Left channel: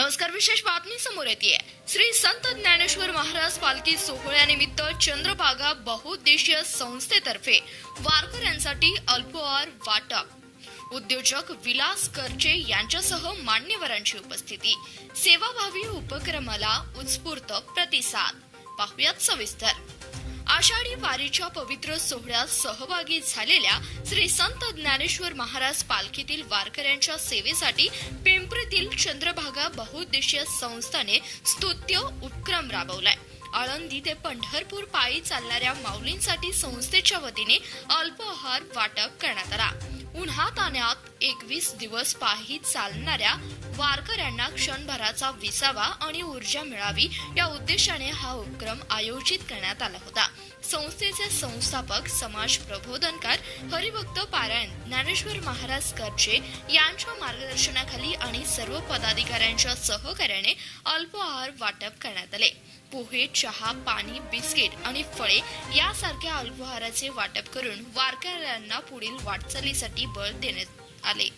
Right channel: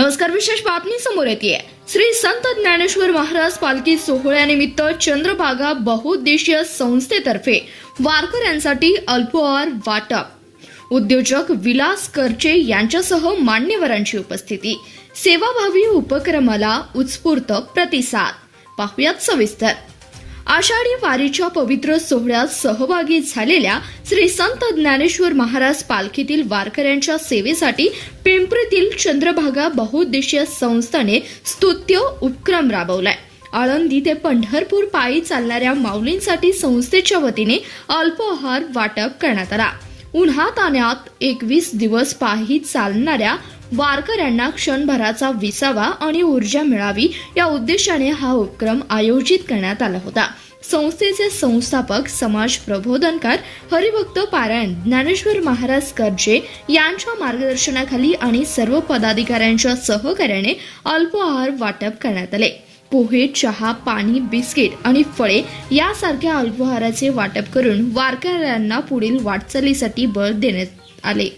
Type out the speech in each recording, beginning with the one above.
नमस्कार. विशेष बातमी समोर येते. श्री संत ज्ञानेश्वर महाराज पालखी सोहळ्यानिमित्त चंद्रभागा बहुउद्देशीय संस्थेतर्फे वारकऱ्यांसाठी अल्पोहार वाटप. उद्योजक विलास करचे यांच्यासह मान्यवरांची उपस्थिती. सेवाभावी उपक्रमाला उत्स्फूर्त प्रतिसाद. पाहुयात सविस्तर. आषाढी वारीच्या पवित्र सोहळ्यात सहभागी झालेल्या श्री संत ज्ञानेश्वर महाराज पालखीतील वारकऱ्यांच्या सेवेसाठी पिंपरीतील चंद्रभागा बहुउद्देशीय संस्थेने स्तुत्य उपक्रम राबवलाय. आळंदी ते पंढरपूर पायी चालणाऱ्या माऊलींसाठी संस्थेच्या वतीने अल्पोहार वाटप करण्यात आला. उन्हातान्हात 21 दिवस पायी चालणाऱ्या वारकऱ्यांना क्षणभराचा विसावा आणि ऊर्जा मिळावी या उद्देशाने हा उपक्रम आयोजित करण्यात आला होता. संस्थेचे संस्थापक, समाज प्रबोधनकार, हरिभक्त पारायण ज्ञानेश्वर महाराज करजे यांच्या मार्गदर्शनाखाली आणि सर्व पदाधिकाऱ्यांच्या सहकार्याने अल्पोहार वाटप करण्यात आले. पोहे, चहा, पाणी, बिस्किट आणि फळे यासारख्या अल्पोहाराचे वाटप करून वारकऱ्यांना पुढील वाटचालीसाठी बळ देण्यात आले.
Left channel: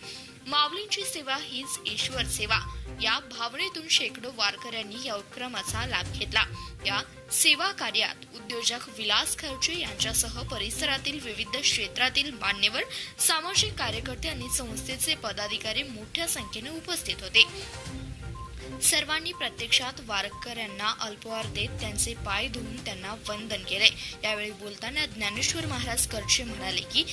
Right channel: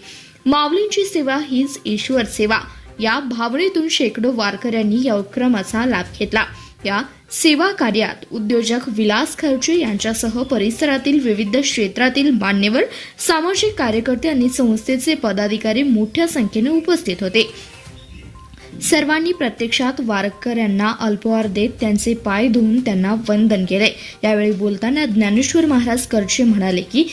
माऊलींची सेवा हीच ईश्वर सेवा या भावनेतून शेकडो वारकऱ्यांनी या उपक्रमाचा लाभ घेतला. या सेवा कार्यात उद्योजक विलास खर्चे यांच्यासह परिसरातील विविध क्षेत्रातील मान्यवर, सामाजिक कार्यकर्ते आणि संस्थेचे पदाधिकारी मोठ्या संख्येने उपस्थित होते. सर्वांनी प्रत्यक्षात वारकऱ्यांना अल्पोहार देत त्यांचे पाय धुवून त्यांना वंदन केले. यावेळी बोलताना ज्ञानेश्वर महाराज करचे म्हणाले की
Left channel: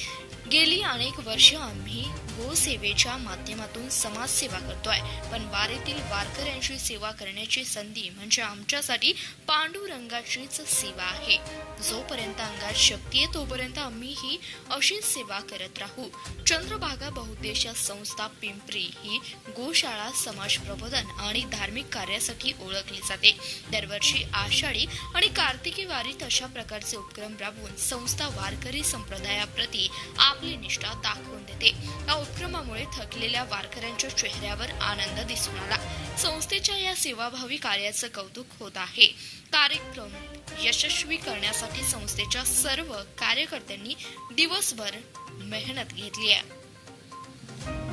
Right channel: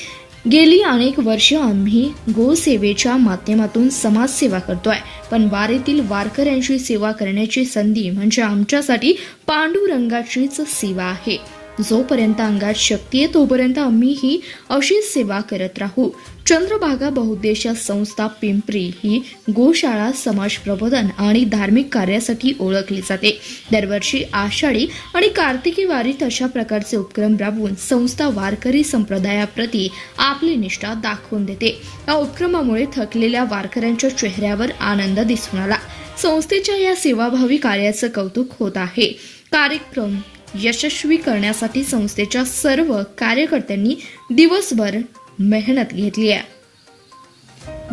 गेली अनेक वर्ष आम्ही गोसेवेच्या माध्यमातून समाजसेवा करतोय, पण वारीतील वारकऱ्यांची सेवा करण्याची संधी म्हणजे आमच्यासाठी पांडुरंगाचीच सेवा आहे. जोपर्यंत अंगात शक्ती आहे तोपर्यंत आम्ही ही अशीच सेवा करत राहू. चंद्रभागा बहुउद्देशीय संस्था पिंपरी ही गोशाळा, समाज प्रबोधन आणि धार्मिक कार्यासाठी ओळखली जाते. दरवर्षी आषाढी आणि कार्तिकी वारीत अशा प्रकारचे उपक्रम राबवून संस्था वारकरी संप्रदायाप्रती आपली निष्ठा दाखवून देते. या उपक्रमामुळे थकलेल्या वारकऱ्यांच्या चेहऱ्यावर आनंद दिसून आला. संस्थेच्या या सेवाभावी कार्याचं कौतुक होत आहे. कार्यक्रम यशस्वी करण्यासाठी संस्थेच्या सर्व कार्यकर्त्यांनी दिवसभर मेहनत घेतली आहे.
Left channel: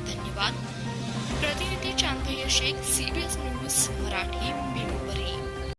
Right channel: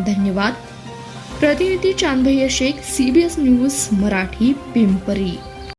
धन्यवाद. प्रतिनिधी चांदभैया शेख, CBS न्यूज मराठी, पिंपरी.